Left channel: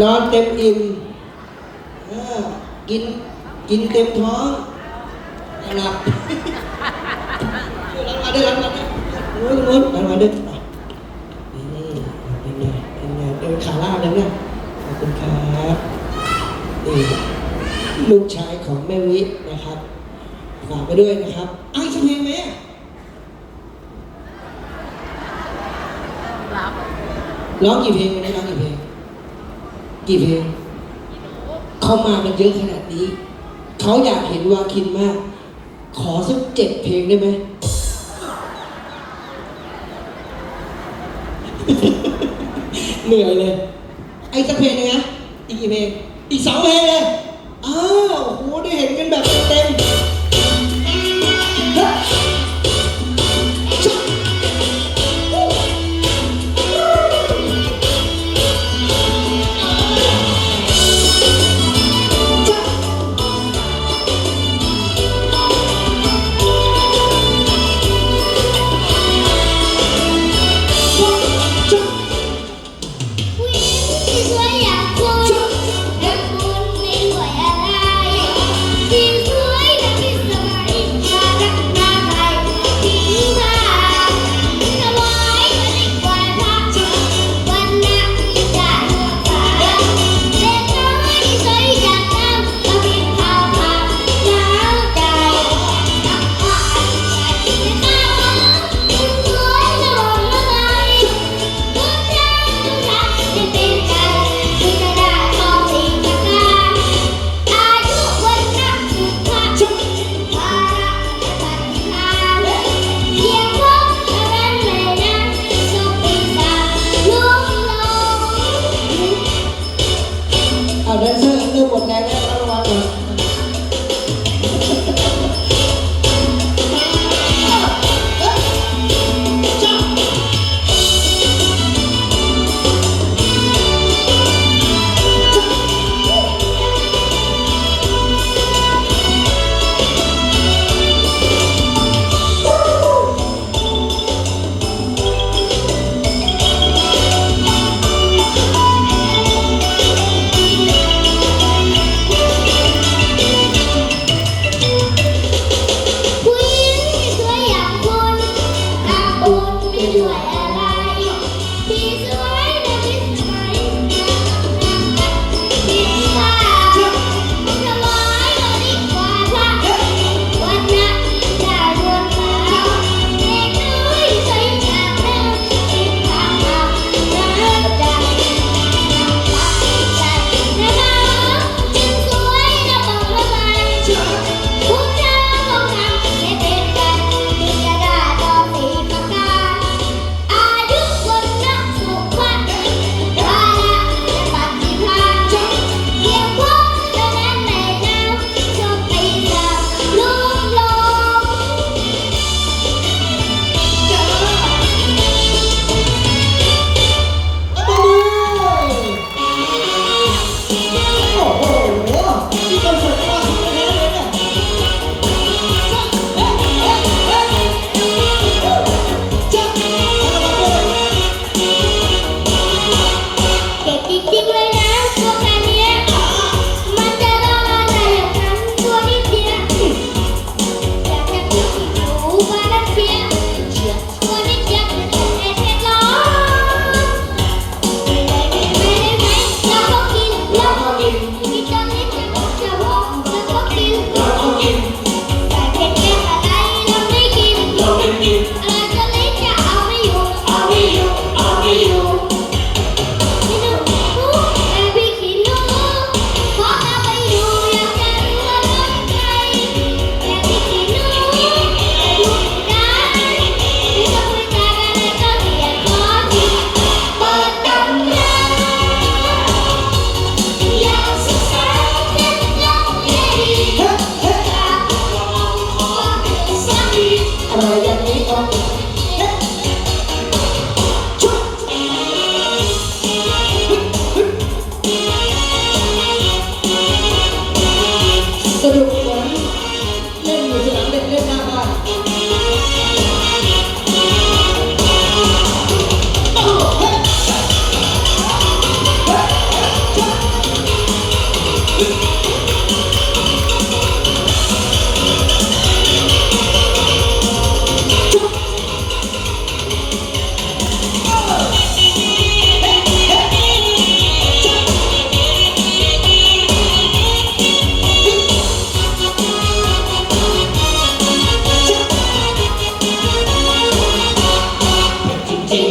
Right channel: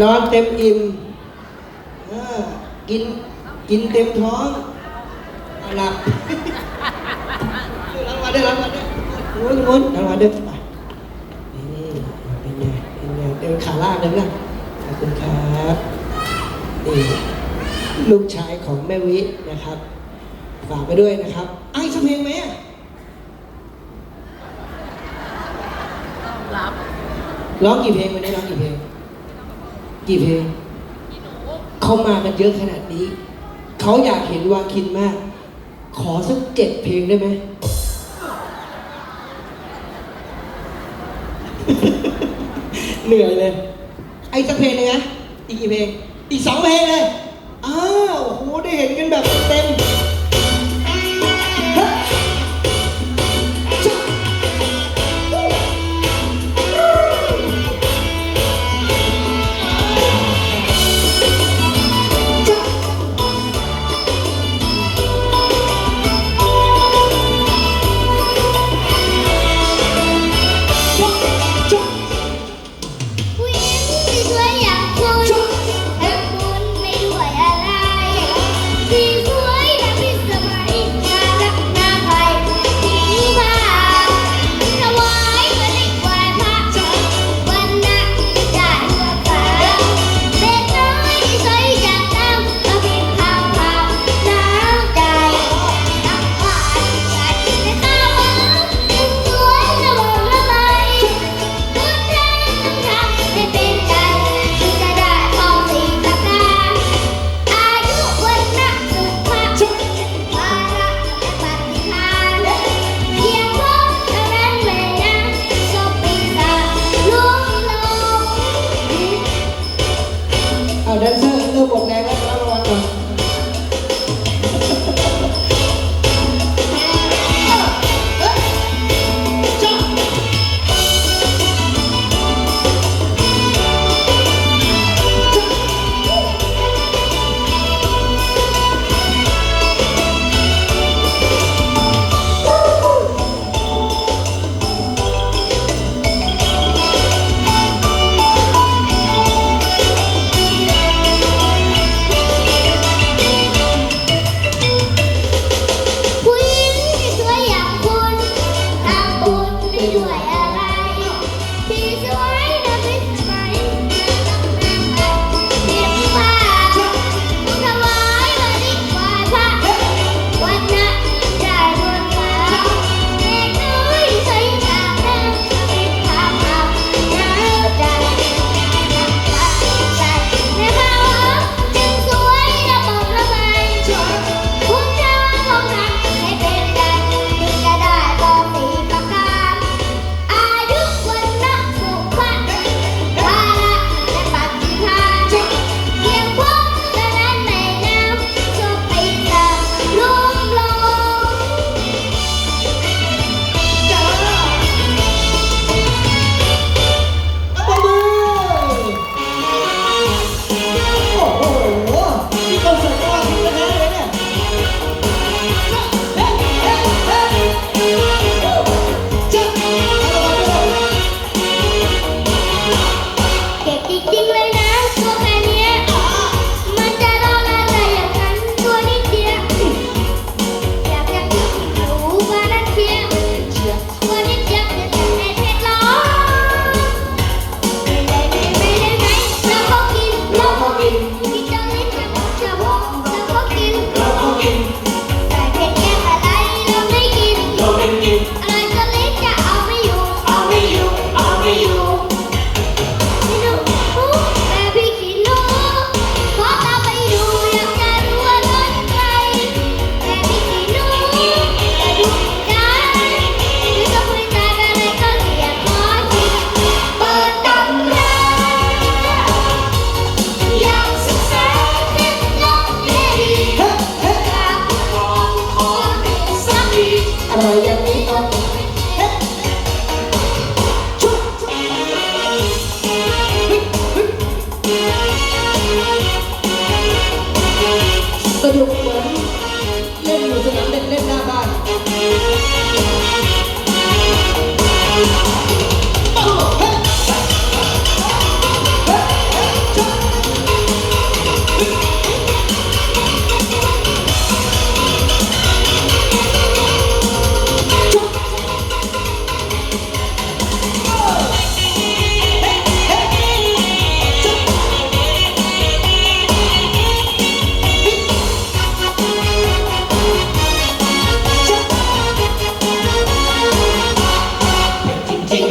นอนเต็มอิ่มกินกินเต็มท้องหลับรางวัลได้รางวัลนู้นนู้นรางวัลได้ไปเป็นไงเป็นไงเป็นขาล่างเลยนะขอบคุณครับลูกชายของแม่วินะครับฝากไปด้วยนะครับอ้าวสักเพลงไหมร้องกี่เพลงไม่ร้องกี่เพลง กี่เพลงเขามากันเยอะขนาดนี้ เขาอยากเห็นวาคินมาก ขอสักเจ็ดเพลงได้ไหม เหนื่อยเลย ไอ้สักเพลงเลยนะ อีกกี่เพลง อีกสองเพลงเลย อ้าวโห ได้เห็นกันแบบเต็ม